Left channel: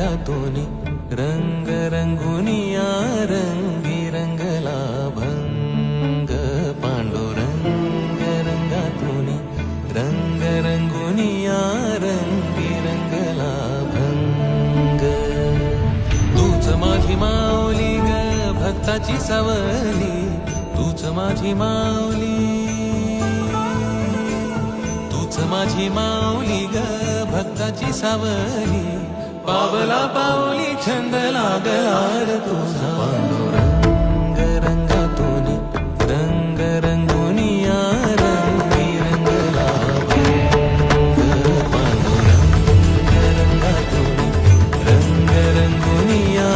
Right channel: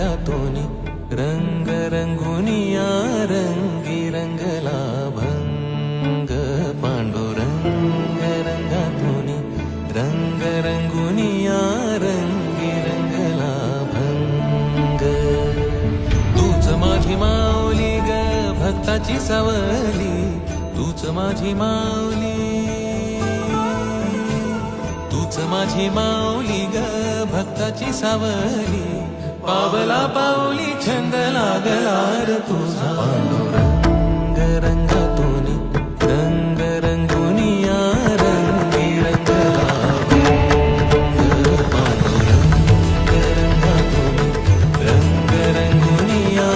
रंगातूनी रंग रंगुनिया रंगी रंगला भंग पांडुरंग रंगातूनी रंग रंगुनिया रंगी रंगला भंग तूच माझी माऊली ग भक्ताची सावली तूच माझी माऊली तूच माझी माऊली ग भक्ताची सावली पावला पाऊली छंद लागला रे तुझा पांडुरंग रंगातूनी रंग रंगुनिया रंगी रंगला भंग पांडुरंग रंगातूनी रंग रंगुनिया